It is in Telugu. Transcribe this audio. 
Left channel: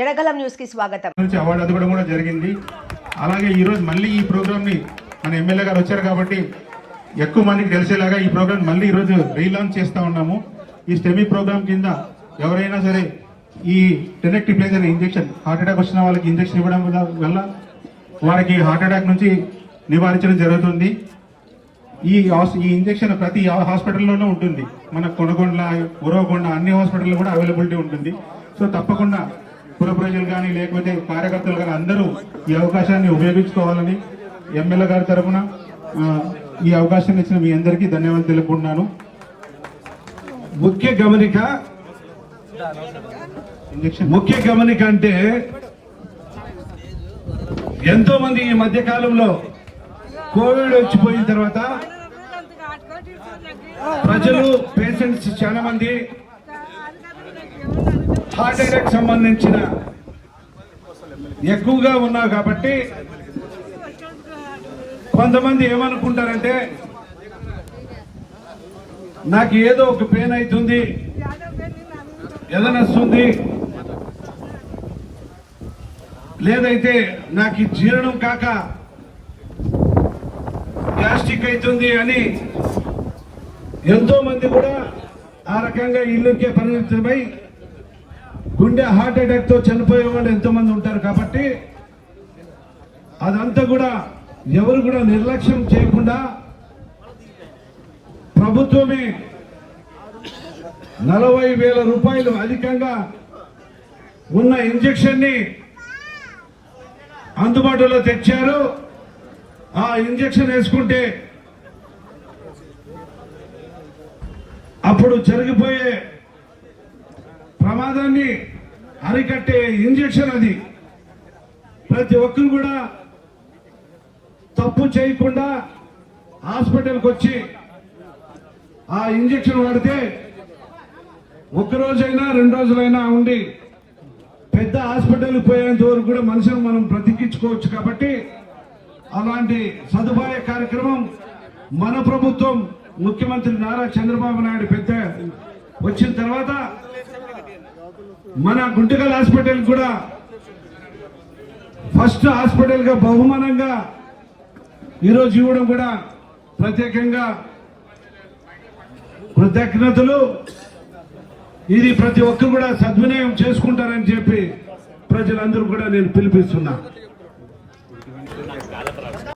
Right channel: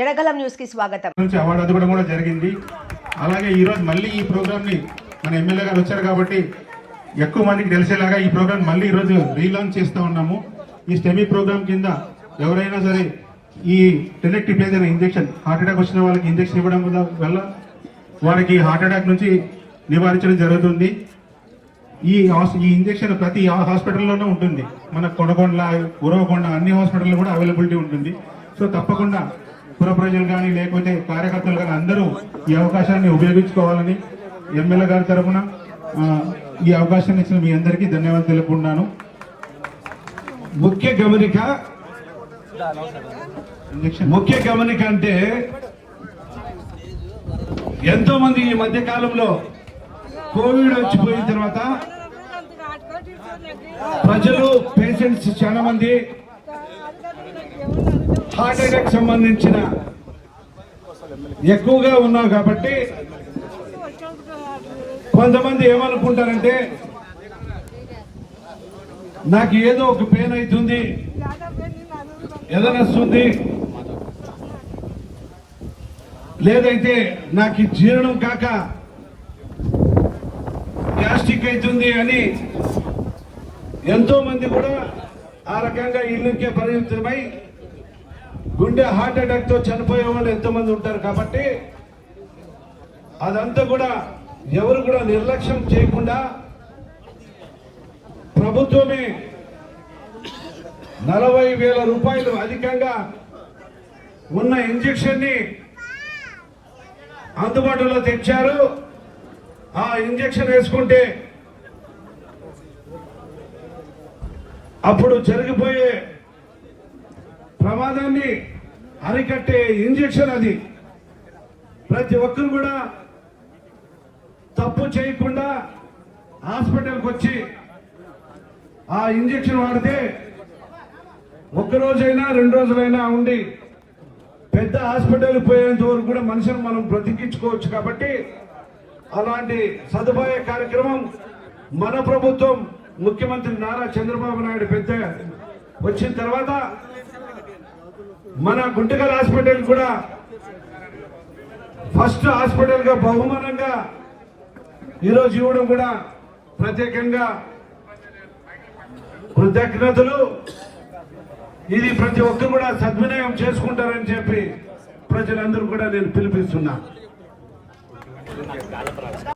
జనగలం న్యూస్ కి స్వాగతం. అవార్డు అందుకోవడం కూడా జరిగింది. అలాగే ఈ రోజు మళ్ళీ ఈ ప్రోగ్రామ్ ని మన ఎమ్మెల్యే గారు వచ్చారు కాబట్టి ఎక్కువ మందికి తెలిసేలాగా ఈ ప్రోగ్రామ్ మళ్ళీ ఈ రోజు రీలాంచ్ చేస్తా ఉన్నాము. ఈ స్టెమీ ప్రోగ్రామ్ కింద ఎవరైనా సరే ఈ టెనెక్టివ్ ప్లేజర్ ఇంజెక్షన్ హార్ట్ అటాక్ వచ్చిన వాళ్ళకి ఇంజెక్షన్ ఇవ్వడం వల్ల వారికి హార్ట్ అటాక్ నుంచి నివారించడం జరుగుతుంది. ఈ ఇంజెక్షన్ ప్రతి హాస్పిటల్లోనే ఉంటుంది. మన కొడకొండ, ఉరవకొండ అన్ని హాస్పిటల్లో కూడా అవైలబిలిటీ ఉంటుంది. సో తప్పకుండా పుర ప్రజలు కానీ లేకపోతే కార్యకర్తలు కానీ అందరూ ఈ అవకాశాన్ని ఉపయోగించుకోవాలని ఎమ్మెల్యే గారి తరఫున ఈ అవకాశాన్ని ఇచ్చిన మీ అందరికీ ధన్యవాదాలు తెలుపుకుంటున్నాను. ముఖ్య గమనిక అంటే ఎంతో మంది ఈ మధ్య కాలంలో కోవిడ్ వచ్చిపోయిన తర్వాత ప్రజలు పేషెంట్స్ చాలా మంది హార్ట్ అటాక్ సంబంధించిన ఎక్కువగా ఉన్నారు కాబట్టి కొంతమంది ఏమనుకుంటారంటే నాకు ఏదో ఒక పెయిన్ అవుతుంది, ఎదనొస్తుంది, లేదైతే నాకు జీర్ణం కాక గ్యాస్ట్రిక్ అవుతుంది అని ఎంతో మంది కూడా ఆ రకంగా ఇల్లుకే పరిమితమై గుండె హార్ట్ అటాక్ తో చనిపోయే వాళ్ళు ఎంతో మంది ఉంటారు. కాబట్టి అదంతా కూడా ఎవరు కూడా నిర్లక్ష్యం చేయకుండా ప్రభుత్వమే 40,000 రూపాయలు అధికంగా ఉన్న ఇంజెక్షన్ ని అందుబాటులో తెచ్చారు. ఆ ఇంజెక్షన్ వేసుకుంటే అప్పుడు జరిగిపోయే ప్రమాదాన్ని అరికట్టే ఇంజెక్షన్ అది. ప్రతి ఒక్కరు కూడా తప్పు చేయకుండా హాస్పిటల్కి వచ్చి ఆ ఇంజెక్షన్ వాడితే ఒక్కరోజైనా 2 రోజులైనా ఉండి పెద్ద హాస్పిటల్కి పోయేంత వరకు కూడా మనుషులు మనం బ్రతికించుకోవచ్చు. కాబట్టి అలాంటి సదుపాయ కార్యక్రమం మన ప్రభుత్వం ముఖ్యమంత్రి నారా చంద్రబాబు నాయుడు పెద్ద వచ్చిన తర్వాత మన గుంటకల్ హాస్పిటల్ కూడా ఫస్ట్ హాస్పిటల్ గా బహుమానంగా ఈరోజు ఇవ్వడం కూడా ప్రత్యేకంగా కృతజ్ఞతలు. ఇది ప్రతి ఒక్కరు కూడా సద్వినియోగం చేసుకుంటారని చెప్పి ప్రజలందరూ కూడా నేను పిలిపిస్తున్నా.